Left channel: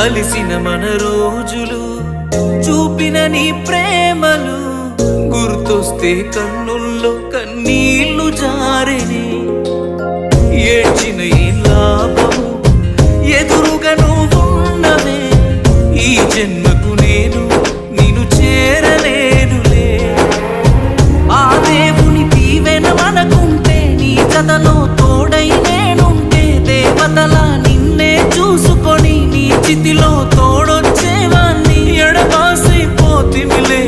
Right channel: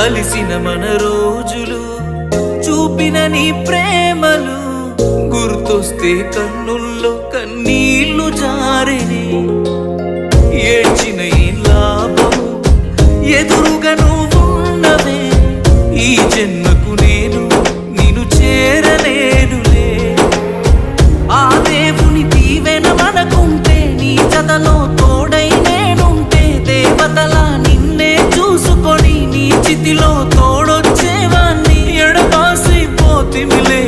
కలిసిన మన రోజులు చూపిన నీ ప్రేమలు గుర్తొస్తే కన్నుల్లో కన్నీళ్లు జారెనే ఏడ్చిన ఈ లాభము ఎదురుగా నువ్వున్నవే ఈ జన్మకు నేను నిన్ను చేరలేనులే ఆ దేవుని దీవెన మనకుంటే నీ జతలో తోడై నేనుంటే దేవతలా నిన్నే చూసుకొని నీ చితిలో తోడొచ్చేవాణ్ణి ఎడబాసి పోతిమిలే